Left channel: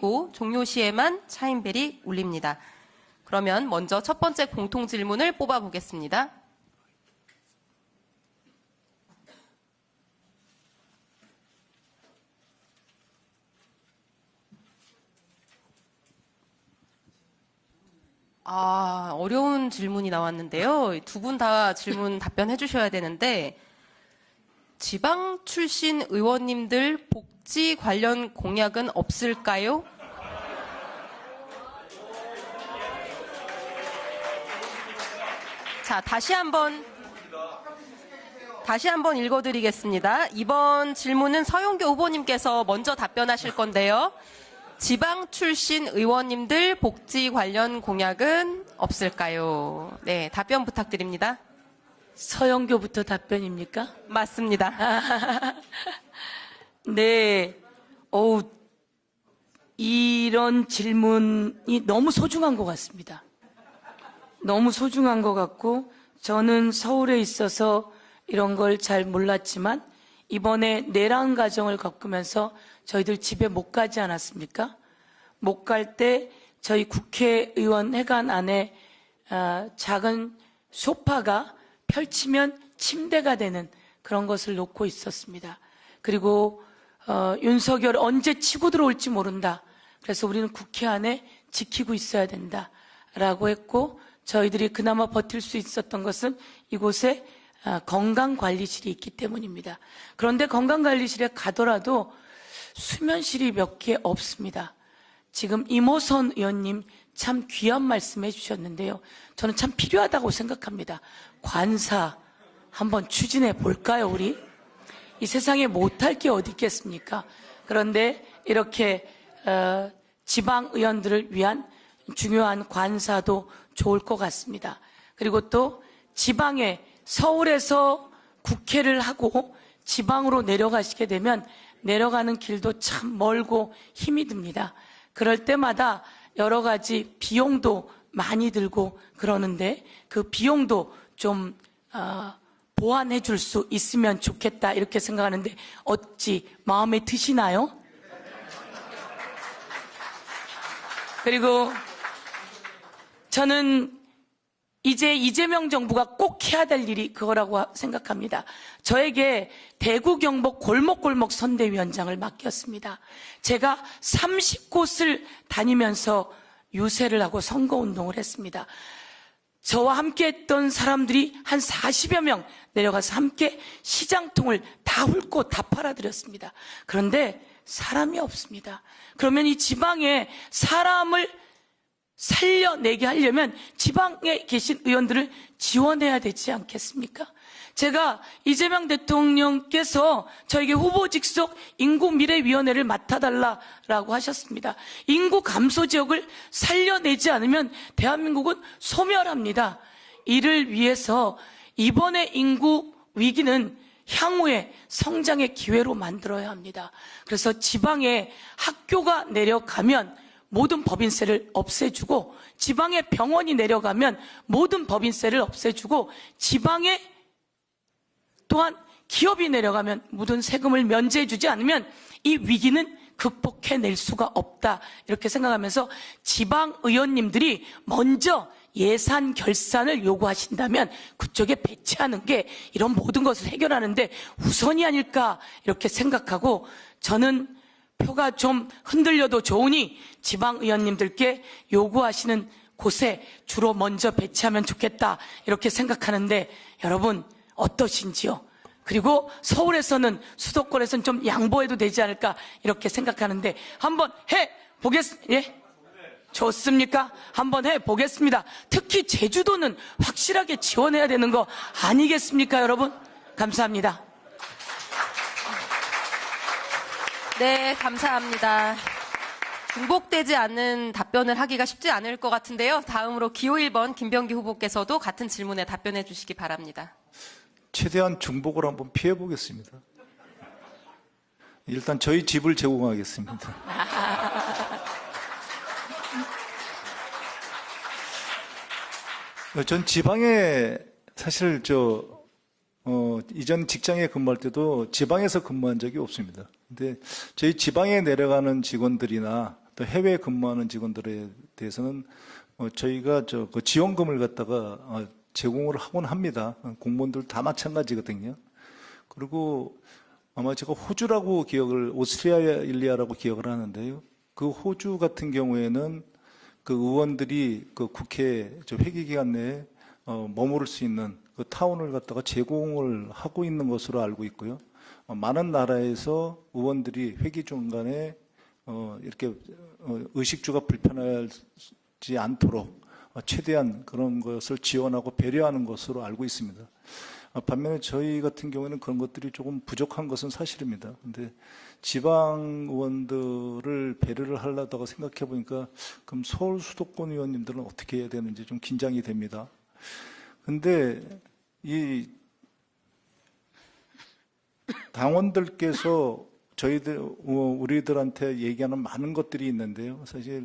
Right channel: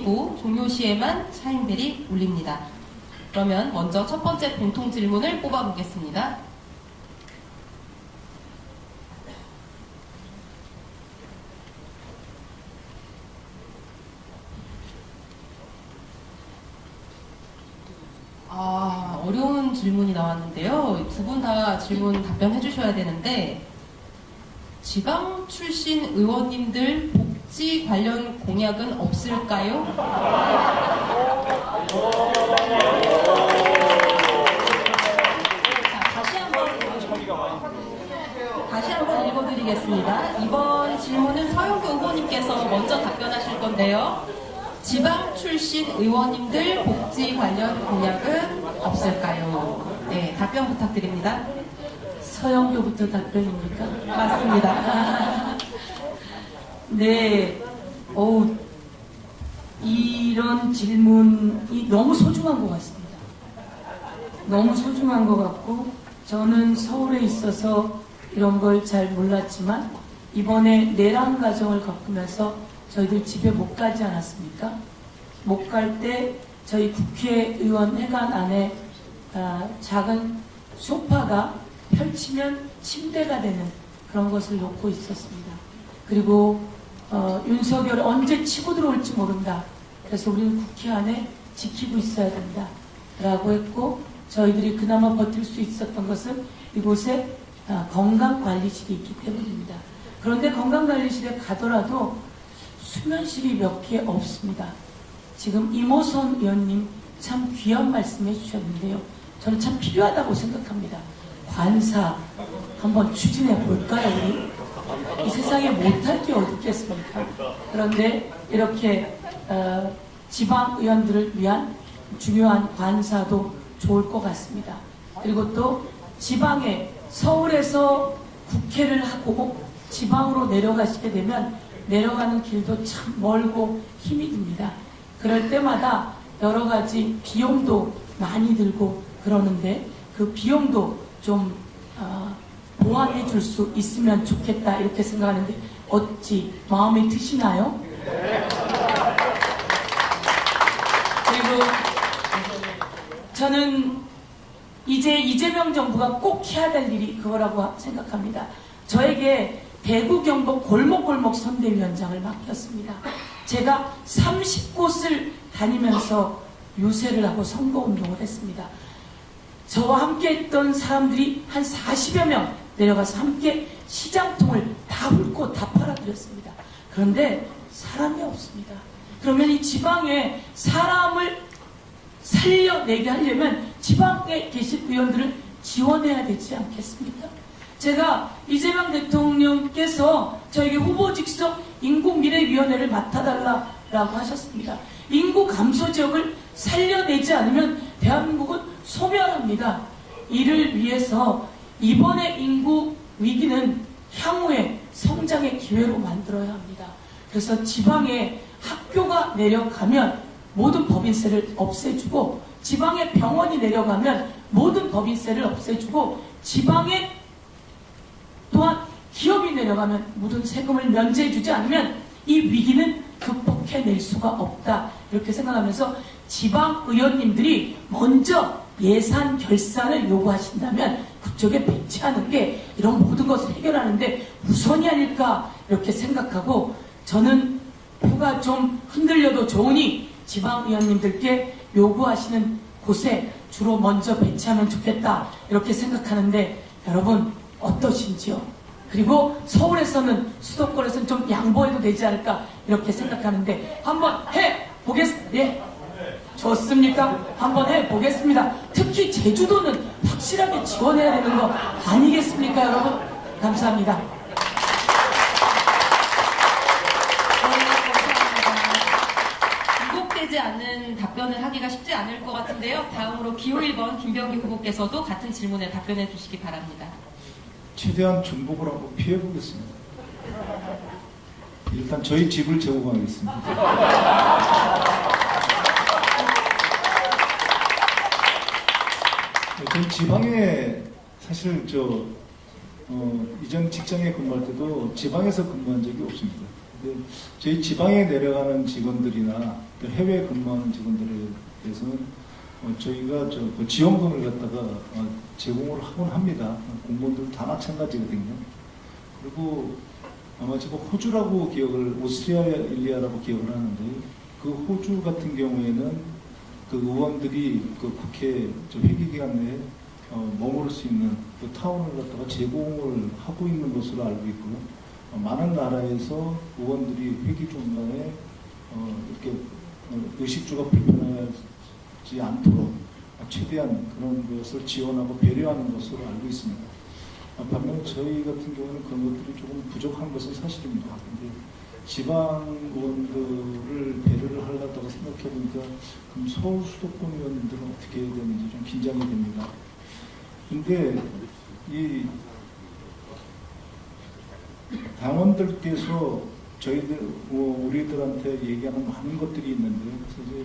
5분이고 종료 시에만 차인벨이 울립니다. 그러면 먼저 첫 번째 공통 질문을 뽑아보겠습니다. 어려운 질문이 나왔는데요. 두 분 다 질문 답변해 주셔야 되는데, 지방 출신 의원님들 복지 관련 공약은 없을까요? 자, 다시 한번 읽어드리겠습니다. 이번 질문은 서영교 후보님께서 먼저 답변하실 건데요. 지방 출신 의원님들 복지 관련 공약은 없을까요? 네, 답변 부탁드립니다. 서영교부터 답변입니까? 맞습니다. 네, 이런 질문이 너무 소중한 것 같습니다. 너무 소중한 것 같고, 저는 서울에 있어서 이런 걸 잘 몰랐지만 이번에 내란 과정을 겪으면서 저희들 집에 못 가지 않았습니까? 못 갈 때 저희 국회의원 회관 안에 작은 소파가 펼치면 침대가 되는 그런 것을 놓고 있었습니다. 그리고 윤석열 언제 치고 들어올지 모른다. 그래서 우리는 국회 안에 지키고 있어야 된다 라고 했고, 저희들이 그나마 버틸 수 있었던 것은 이곳에 건강관리실이 있기 때문입니다. 그런데 건강관리실에 가더라도 수면실이 몇 개 없습니다. 지금 이모선 의원님 참 귀한 말씀 해주셨는데요. 저는 참 필요하다고 생각합니다. 관사 한번 추진해 볼까요, 우리? 이 세상에 못할 게 어디 있겠습니까? 그런데 이렇게 지방 의원들을 위한 중요한 관사도 좋을 것 같습니다. 그리고 또 지방에 서울에서 국회를 하고 지방으로 내려가시게 되면 내려가는 길도 참 멀고 힘이 듭니다. 그럴 때마다 여러 가지 비용도 많이 들고 그러는데 그 비용도 좀 보완해 줄 수 있으면 좋겠다 이렇게 생각하는데 어찌 마음에 드시나요? 그리고 저는 이제 이재명 정부가 꼭 해야 될 일이 그거라고 생각합니다. 저에게 대구 경북 골목골목 선대위원장을 맡겼습니다. 제가 30곳을 다니면서 유세를 하고 선거운동을 했습니다. 저와 함께 했던 사람들이 한 40여 명 내려가서 함께 시장통을 다 훑고 다 팔아드렸습니다. 그런데 사람이 없습니다. 그러면 이 지방에 사람을 살려내게 하려면 지방에 계신 의원들을 지원해야 되지 않겠습니까? 제가 이재명 대통령께서 저에게 후보 직속 인구미래위원회를 맡아달라고 하셨습니다. 인구 감소 지역을 살려내지 않으면 대한민국은 소멸합니다. 이를 위해서 이번의 인구 위기는 향후의 성장의 기회로 만들어야 합니다. 그래서 지방에 학교가 내려가면 모든 법인세를 없애주고, 지방에 병원이 내려가면 모든 법인세를 없애주고, 지방에 또한 기업이 내려가면 모든 세금을 면제해주지 않으면 이 위기는 극복해낼 수가 없다 이렇게 생각하면서 지방 의원님들이 먼저 예산 결산을 요구하신다면 그쪽에 배치하는 게 이런 모든 것을 해결하는데 우선이 아닐까 이렇게 생각하고, 저는 표가 좀 흔들려도 좋으니 지방 의원님들께 요구하시는 곳에 주로 먼저 배치하면 좋겠다 이렇게 생각하는데 여러분 어떠신지요? 그리고 서울에서는 수도권에서는 좀 양보해도 되지 않을까 이렇게 생각하는데 한번 해보겠습니다. 예? 좋습니까? 한번 해보겠습니다. 특히 제주도는 확실하게 지원해야 되는 거 아니겠습니까, 여러분? 감사합니다. 네, 감사합니다. 굴복되지 않는 답변을 하기가 쉽지 않을 것 같은데요. 다음으로 기호 1번 김병기 후보께서도 같은 질문에 답변해 주시기 바랍니다. 최대한 중복을 한번 피해보겠습니다. 일단 저희 집을 제공하겠습니다. 전 지방에 사실 이전 직장에 근무할 때도 지방에서 근무한 적이 없습니다. 근데 저희 지방에 내려가는 직원들이나 또 해외 근무하는 직원들에 대해서는 저희가 그 지원금을 갖다가 제공을 하곤 합니다. 공무원들 다 마찬가지거든요. 그리고 아마 제가 호주라고 오스트레일리아라고 기억을 하는데요. 그 호주 같은 경우에는 그 의원들이 그 국회 회기 기간 내에 머무를 수 있는 그 타운을 갖다가 제공을 하고 있는 것으로 알고 있고요. 많은 나라에서 의원들이 회기 중간에 이렇게 의식주가 불편하지 않도록 최대한 그런 것을 지원하고 배려하는 것으로 알고 있습니다. 반면에 저희 같은 경우는 그런 것들이 조금 부족한 것은 사실입니다. 근데 지방 의원들을 배려를 하려다가 생각해 보니까 그럼 서울 수도권 의원님들은 어떻게 해야 되는지 좀 긴장이 됩니다. 근데 이 당원들께서 우리들한테 얘기하는 많은 것들이 있는데요. 그래서 이제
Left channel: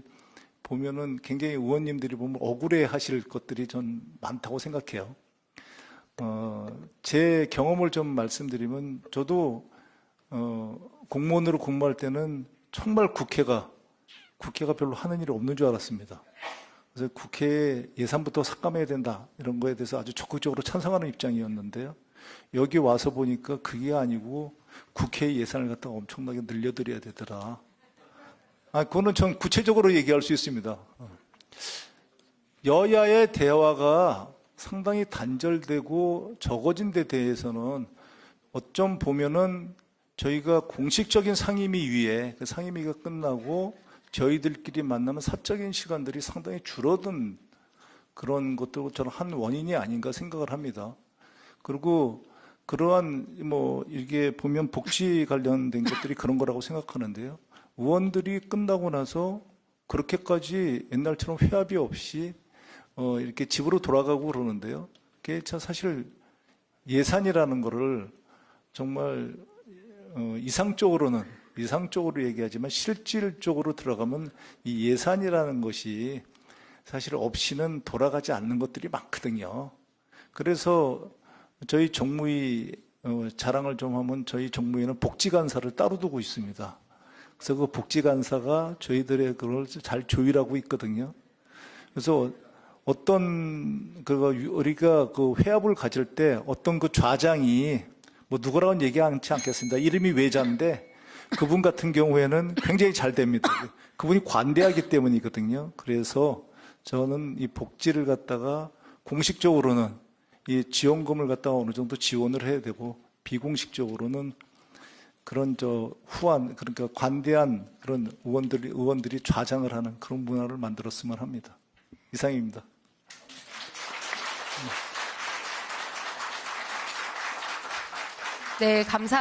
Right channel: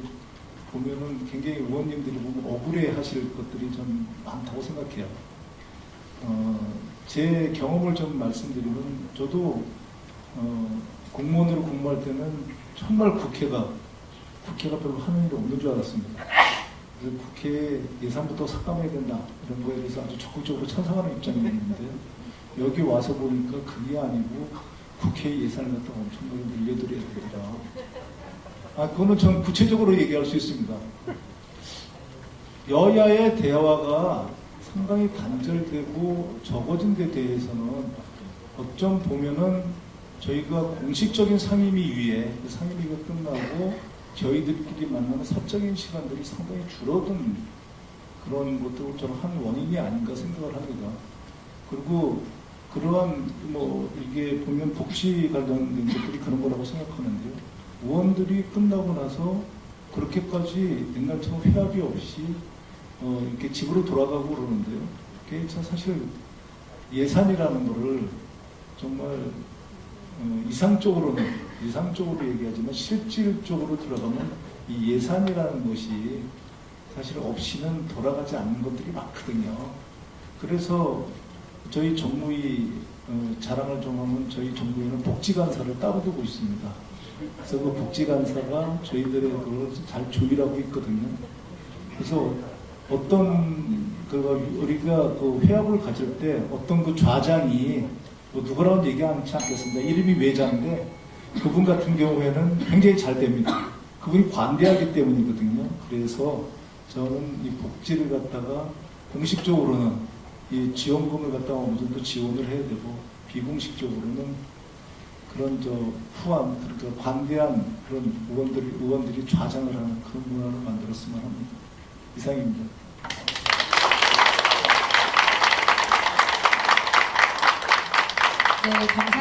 보면은 굉장히 의원님들이 보면 억울해하실 것들이 좀 많다고 생각해요. 제 경험을 좀 말씀드리면 저도 공무원으로 근무할 때는 정말 국회가 별로 하는 일이 없는 줄 알았습니다. 그래서 국회에 예산부터 삭감해야 된다 이런 거에 대해서 아주 적극적으로 찬성하는 입장이었는데요. 여기 와서 보니까 그게 아니고 국회 예산을 갖다가 엄청나게 늘려드려야 되더라. 그거는 전 구체적으로 얘기할 수 있습니다. 여야의 대화가 상당히 단절되고 적어진 데 대해서는 어쩜 보면은 저희가 공식적인 상임위위에 상임위가 끝나고 저희들끼리 만나는 사적인 시간들이 상당히 줄어든 그런 것도 저는 한 원인이 아닌가 생각을 합니다. 그리고 그러한 이게 보면 복지 관련된 것들이 그런 거라고 생각하는데요. 의원들이 끝나고 나서 그렇게까지 옛날처럼 회합이 없이 이렇게 집으로 돌아가고 그러는데요. 그게 사실 예산이라는 거를 정말 이상적으로 얘기하지만 실질적으로 들어가면 이 예산이라는 것이 사실 없이는 돌아가지 않는 것들이 많거든요. 그래서 저희 정무위 자랑을 좀 하면 저희 정무위는 복지간사를 따로 두고 있습니다. 그래서 그 복지간사가 저희들의 그걸 잘 조율하고 있거든요. 그래서 어떤 우리가 그 회합을 가질 때 어떤 그 좌장이 누구라고는 얘기하지 않겠습니다. 이름이 외자인데 그분 같은 경우에는 굉장히 잘 됩니다. 그분이 관대하기 때문이거든요. 그래서 저는 이 복지를 갖다가 공식적으로는 이 지원금을 갖다가 어느 정도 지원을 해야 되고 비공식적으로는 그런 그러니까 관대한 그런 의원들이 좌장을 하는 그런 문화를 만들었으면 합니다. 이상입니다. 네, 감사합니다.